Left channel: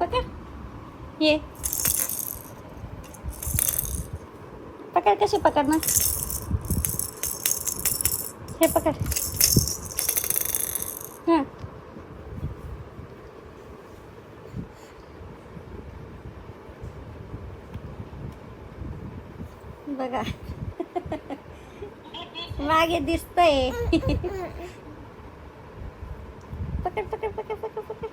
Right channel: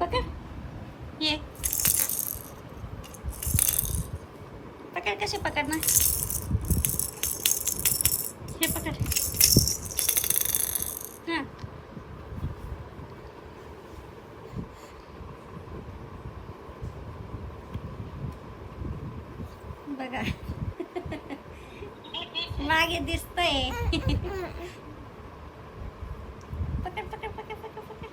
पकड ये पकड. कशी पकडणार हे पकड. हां बघा मागे दिसतंय. पकड पकड पकड पकड पकड.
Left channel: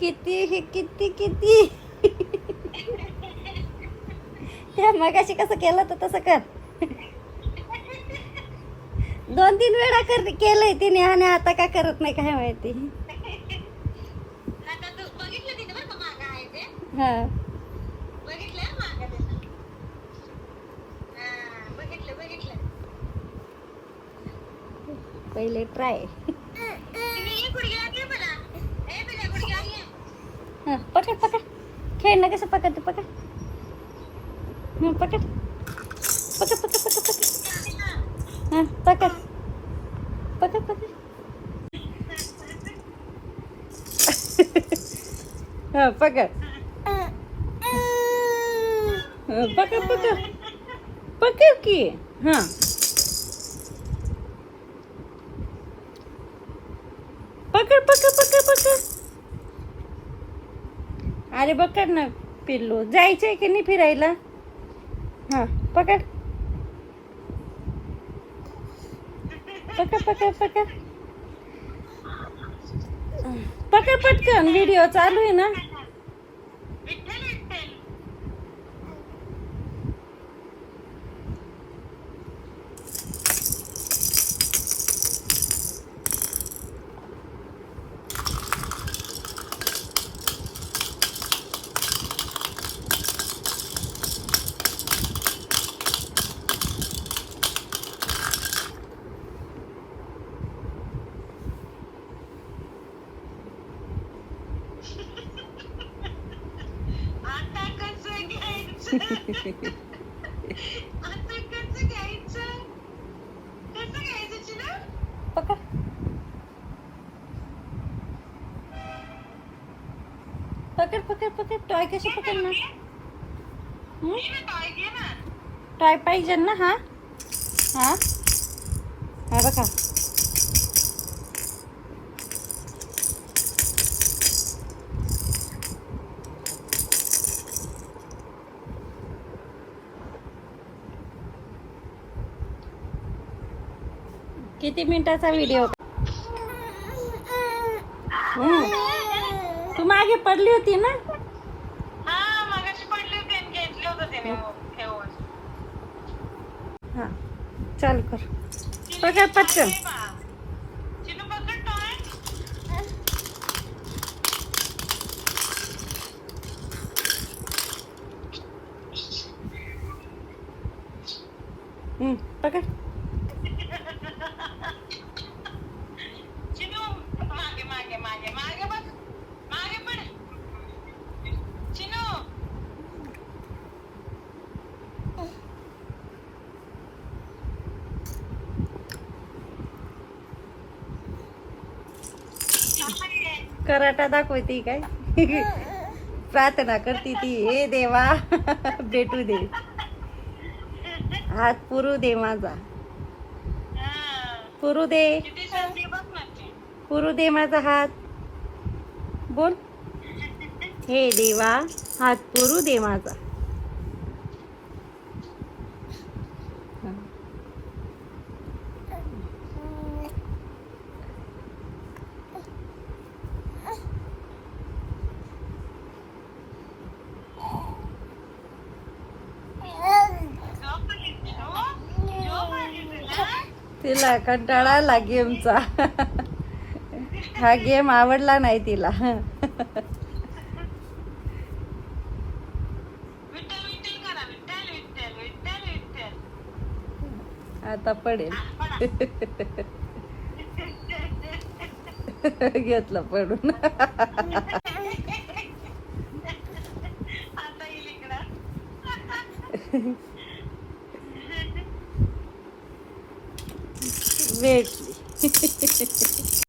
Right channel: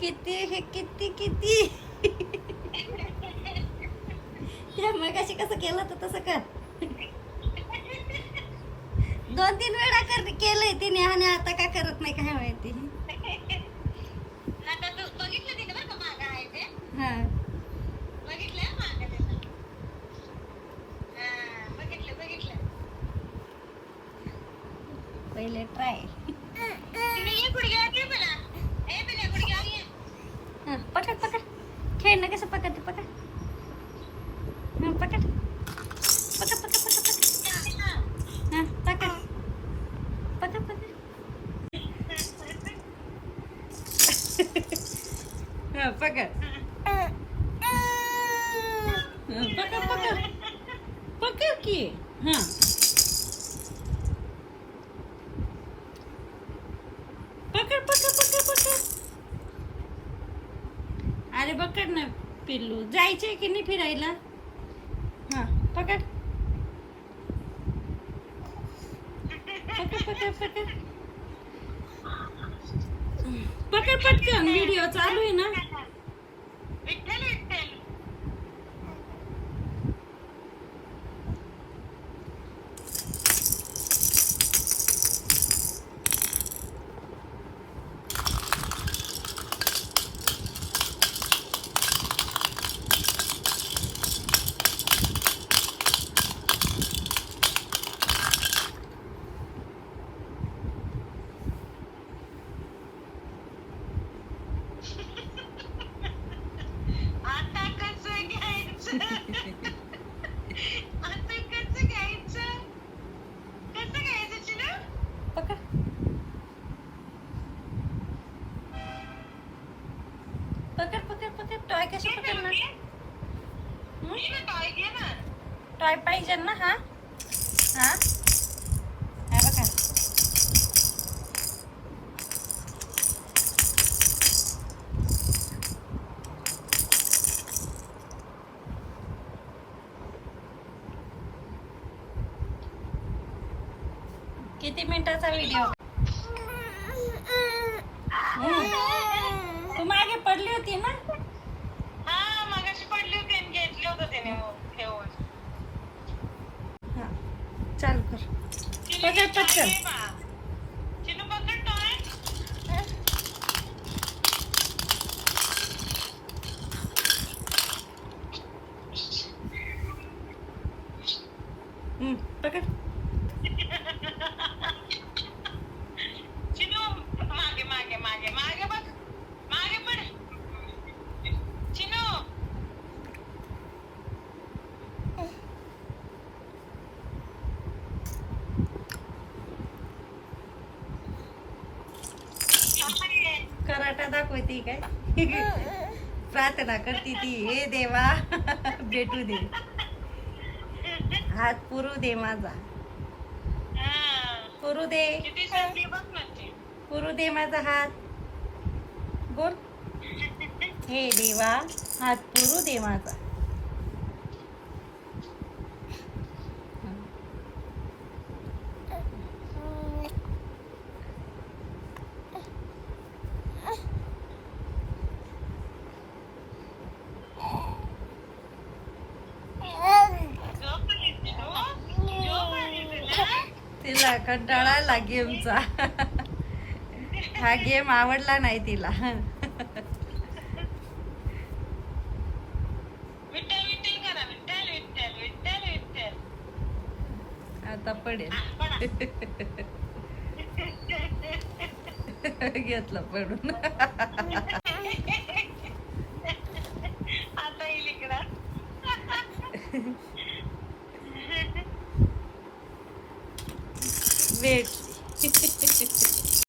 किती किती किती. त्या मगाशी कसं केलं तर तसं कर. 2-3 वेळा केलंय तिने आणि आता का करत नाही काय माहिती. हा पहिले ट्राय. पकड पकड. खेळणं कसं पकडते पकड. पकड पकड पकड पकड पकड. हां पकड पकड पकड. हां पकड. पकड पकड पकड की. हां पकड पकड पकड पकड. अरे पकड ना पिल्लू. जायचंय की नाही फिरायला. हां पकड पकड पकड पकड पकड पटकन. व्हिडिओ चालू आहे ना. पकड पकड पकड पकड. टॉय कशी पकडणार. टॉय पाहिजे ना. हा हा हा बघा. किती मिनिटाचा व्हिडिओ. तू मागे पडली होती ना. हा चाल कर. पकड पटकन. पकड. कराटा दाखवती काय. प्रार्थना करती ती. हे देवा भेटू दे. हात पुरू दे माझा. पुरू दे पुरू दे माझा हात. बोल. हे देवा हात पुरू दे माझा. तिला कंटाळा आला गेमचा. हा गेम आवडला नाही तिला. आता पडेल. घेतलं पडून. आता येईल इकडं. भेटली.